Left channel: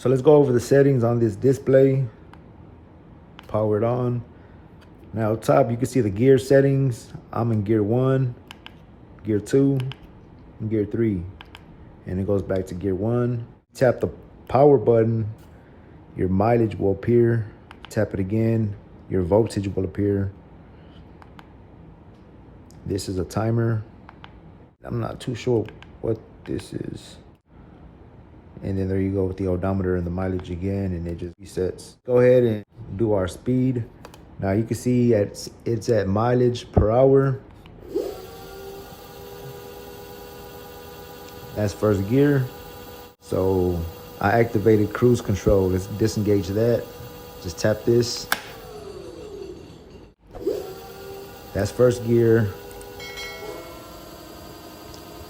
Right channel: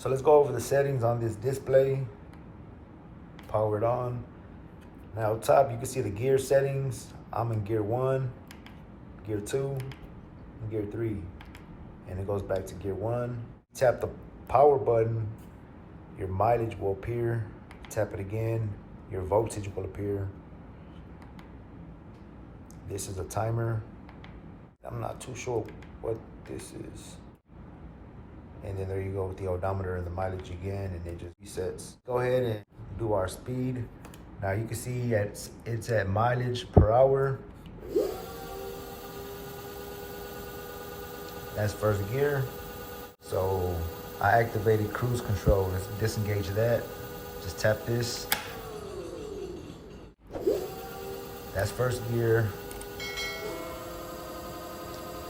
So let's go over the settings on this display. Power it on. Now up top, you can see the gear settings. I'm in gear 1, gear 2, and gear 3. And it goes back to gear 1. Tap the power button, your mileage will appear. Tap it again, your voltage will appear. This is a timer. I'm not too sure what this is. And then there you go with the odometer and the mileage again, and it just resets. Go ahead and do our speed. Now you can see it's at mileage per hour. That's first gear. So I activated cruise control. Let's disengage that. Just tap this. That's first gear.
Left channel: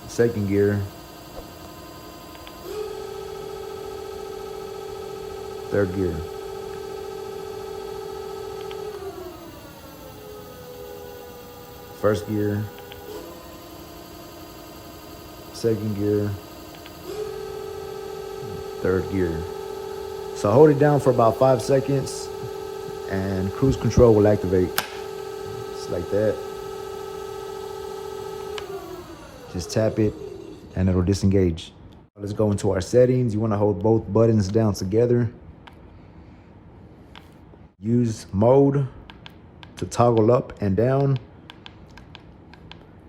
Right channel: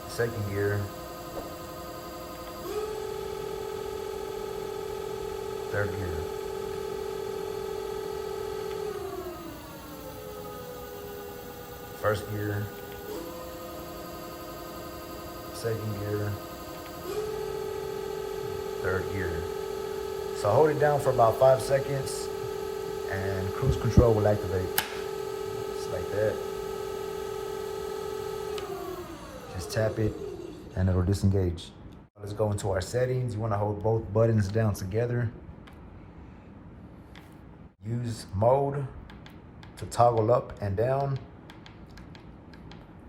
Second gear. Third gear. First gear. Second gear. Third gear. So hold it down for about 5 seconds and cruise control will activate. Just like that. Just tap it and it'll disengage. Let's go into our settings. You want to hold both buttons down together. Use mode to toggle up and down.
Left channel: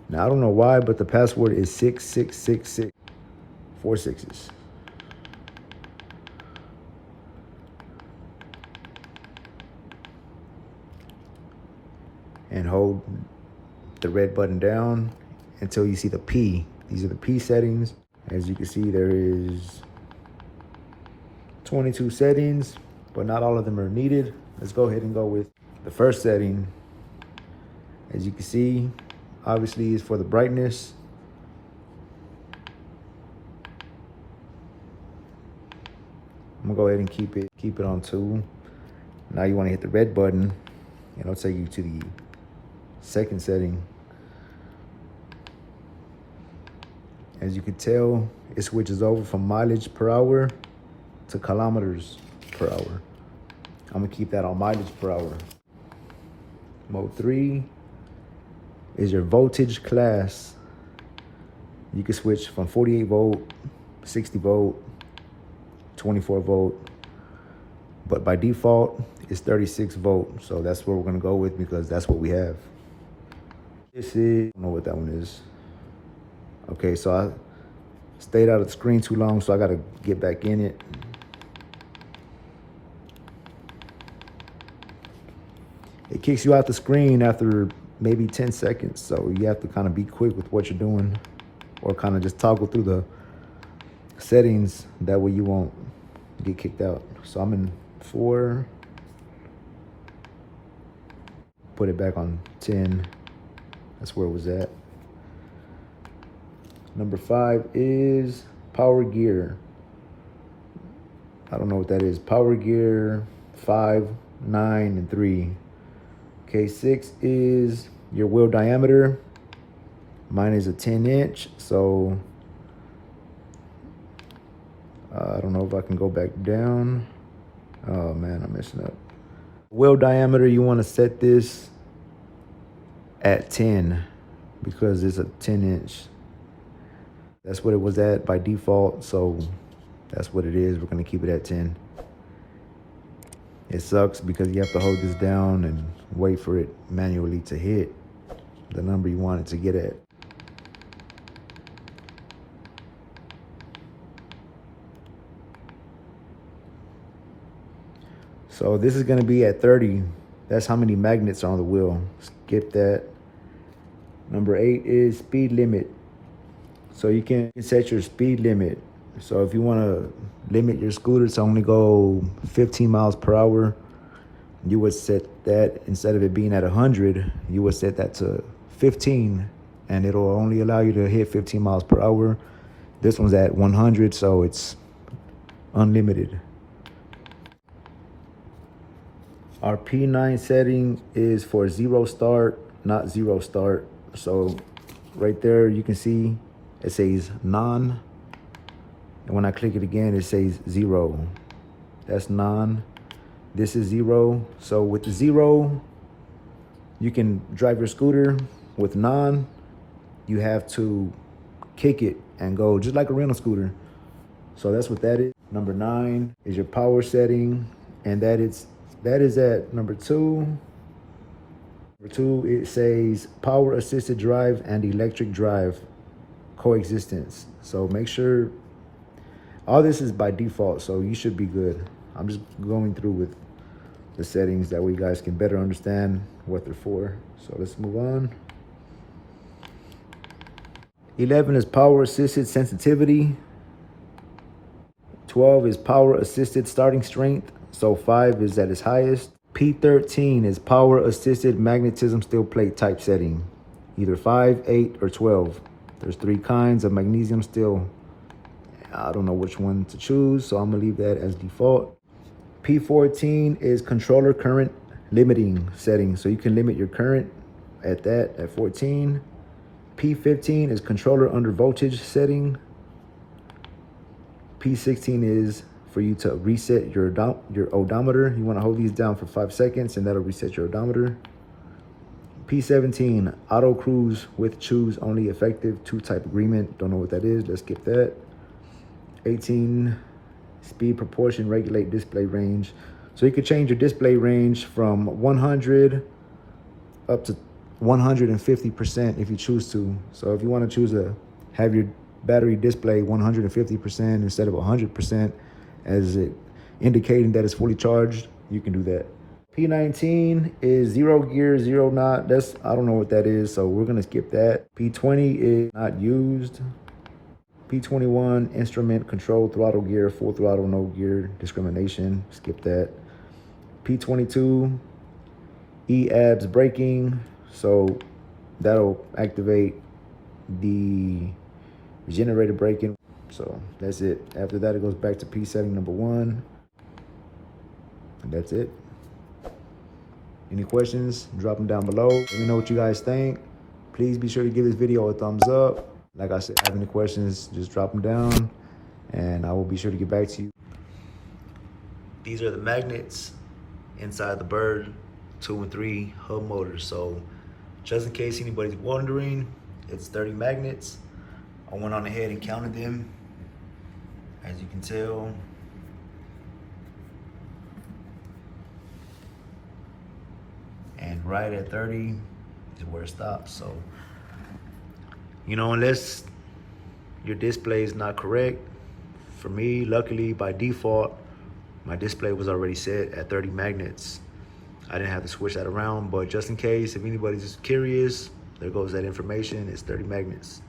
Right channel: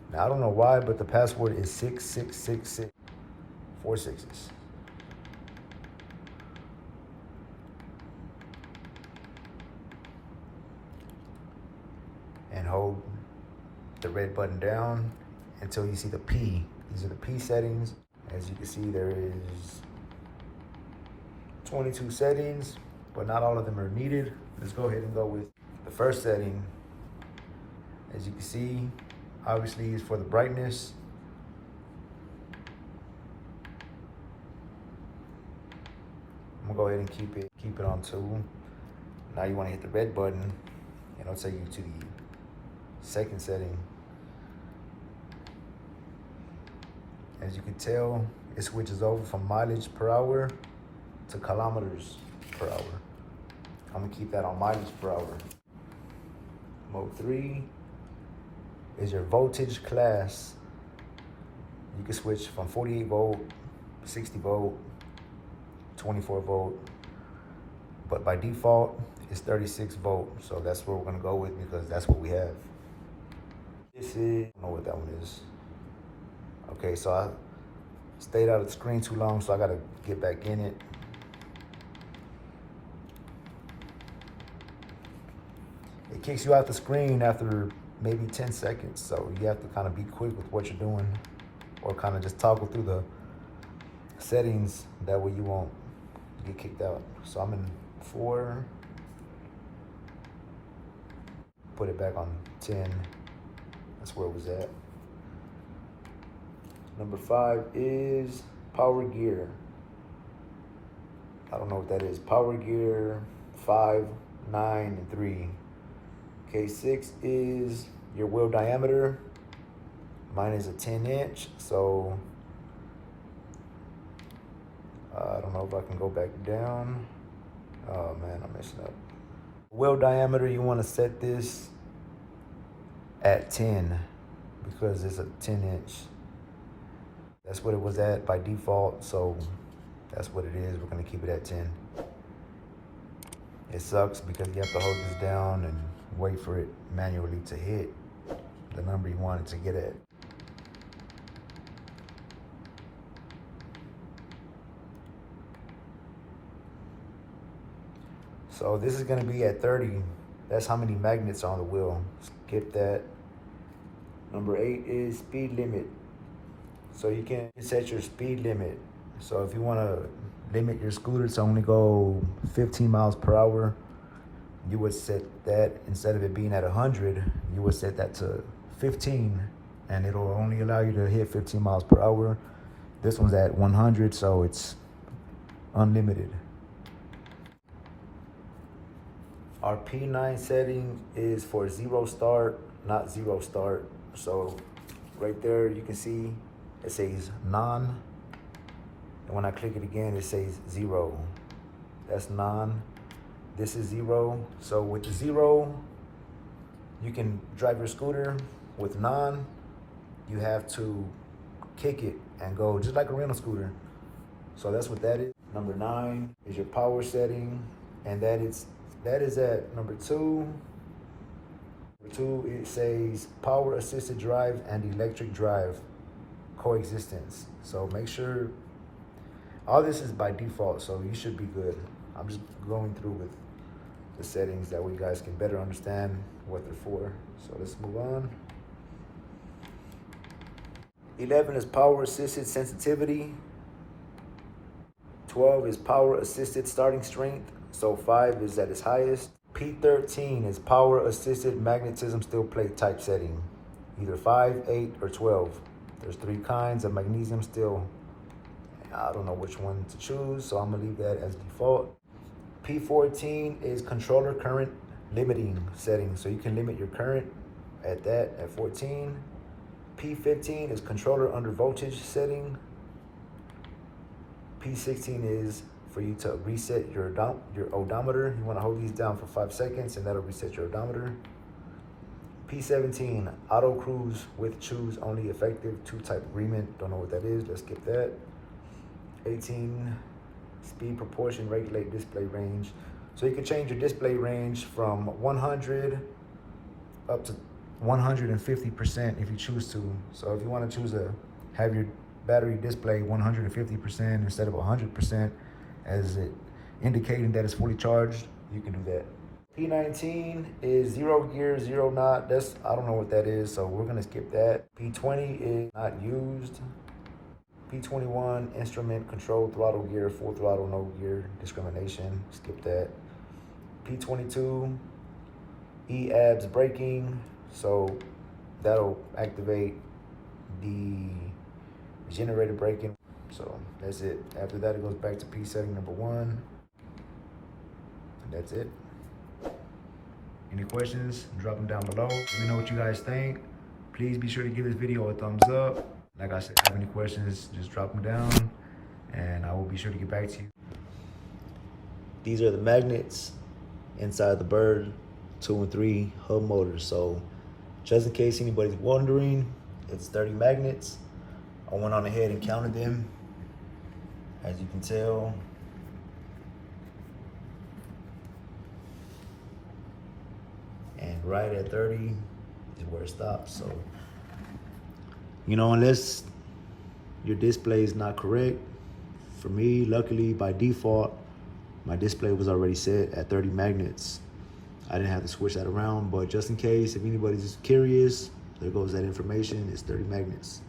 Now I don't know why, but the password is 6666. 4 sixes. And hold the red button down until you see the P. These are the P settings. As you can see, there is 22 settings, but not all of them are needed. Let's go ahead and go with the first setting. As you can see, obviously is for the brightness. I'm gonna go ahead and keep it on 2. Now you want to hit the red button and it'll take you to the second setting. As you can tell, it switches over from mileage per hour to kilometers per hour. I'm gonna keep that on mileage per hour. Mode 3 is your voltage class. You can switch from 48 volt, 60 volt, 24 volt, but by default, it's 36 volt. So that's what we're gonna go with because that's what we have. This is, I don't know what that one is. Okay, so I stayed out of the screen too long, so I gotta get back in it. It kicks you out the screen after maybe 10 seconds, so you have to kind of be quick with what you're doing or kind of just toggle through the settings. That way you won't get kicked out. So I'm in 4. Put it back on 10. That's where it was at. Number 5 is power gear. I don't know what that is. Power gear 5, 9, and 3. Okay, 6 is your wheel diameter. Mine is a 10-inch, so I don't know if I can go back down. Oh man, I'm messing up. Wheel diameter, you want to set this at 10 because it's a 10-inch. That's what it was at by default, so that's what it is. We're gonna keep it at 10. It sucks because you have to hold this down and wait for it manually to hit the number you want it to get at. So this is gonna be at 30. That's how many magnets are on the wheel. Skip that. Number 8 is speed limit. So you can set your speed limit. So if you wanna limit your scooter to only go 15 miles per hour, you would set that, instead of it being at 100, you would set that to 15, and it'll only allow you to hit 15 miles per hour. This one's at 100, so it's unlimited. Our P9 setting is for 0 start, not 0 start. So right there, you can see it says none. And when I click it again, it says 0. that's non. This is 0. So with the 0, you can drive your scooter. With non, you have to kick it and go just like a rental scooter. So that's what that is. Number 9 is your power setting, and that is at number 2. Number 2, it says power assisted drive and electric drive coexistence. So make sure all this is by default, so you should be good. I'm just going through with the settings that way you guys can better understand what they're for. So let's move on. 11 is power assisted sensitivity. 12 is power assisted starting strength. So 5 is at its highest. P13 is power assisted magnetism steel plate type setting. Either 5, 8, or 12. There's 3 kinds of magnesium steel. I don't know which one to choose, so I'm gonna leave that as default. P14 is controller current limiting setting. So you can limit your current at 14. P15 is controller under voltage setting. P16 is for you to reset your odometer. You want to hold these down for 5 seconds and that'll reset your odometer. P17, auto cruise with choose only effective 2 type agreement. Don't know what that is, let's skip that. 18, speed proportion regulate display range. So you can change your display range from 100 up to 150% if you choose to. So if you want to choose to have your battery display 150% instead of 100%, as it indicating that it's fully charged, you can do that. P19 is 0 gear, 0 knot. I don't know what that is, so we're gonna skip that. P20 is not used. P21, instrument control throttle gear, full throttle, no gear discrimination, skip that. P22, EABS braking, so that'll activate the regenerative braking. So that's it. After that, it goes back to P setting number 1, and that's it. Any questions, drop them down below. Let me know what you guys think. Please be sure to give this video a thumbs up. Like I said, if you have any questions, just drop them down and I will be sure to get back to you. These are the magnets inside the Bird 2 and 3 hub motors. So just in case anybody's wondering, it's 30 magnets. I went on ahead and counted them. As you can tell, and right at 30 is where it stops. So, you know, unless your display is not correct, for me, luckily by default, my display was already set at 30 magnets. I didn't have to switch that around, but just in case, if anybody's curious, there goes that information, it's 30 magnets.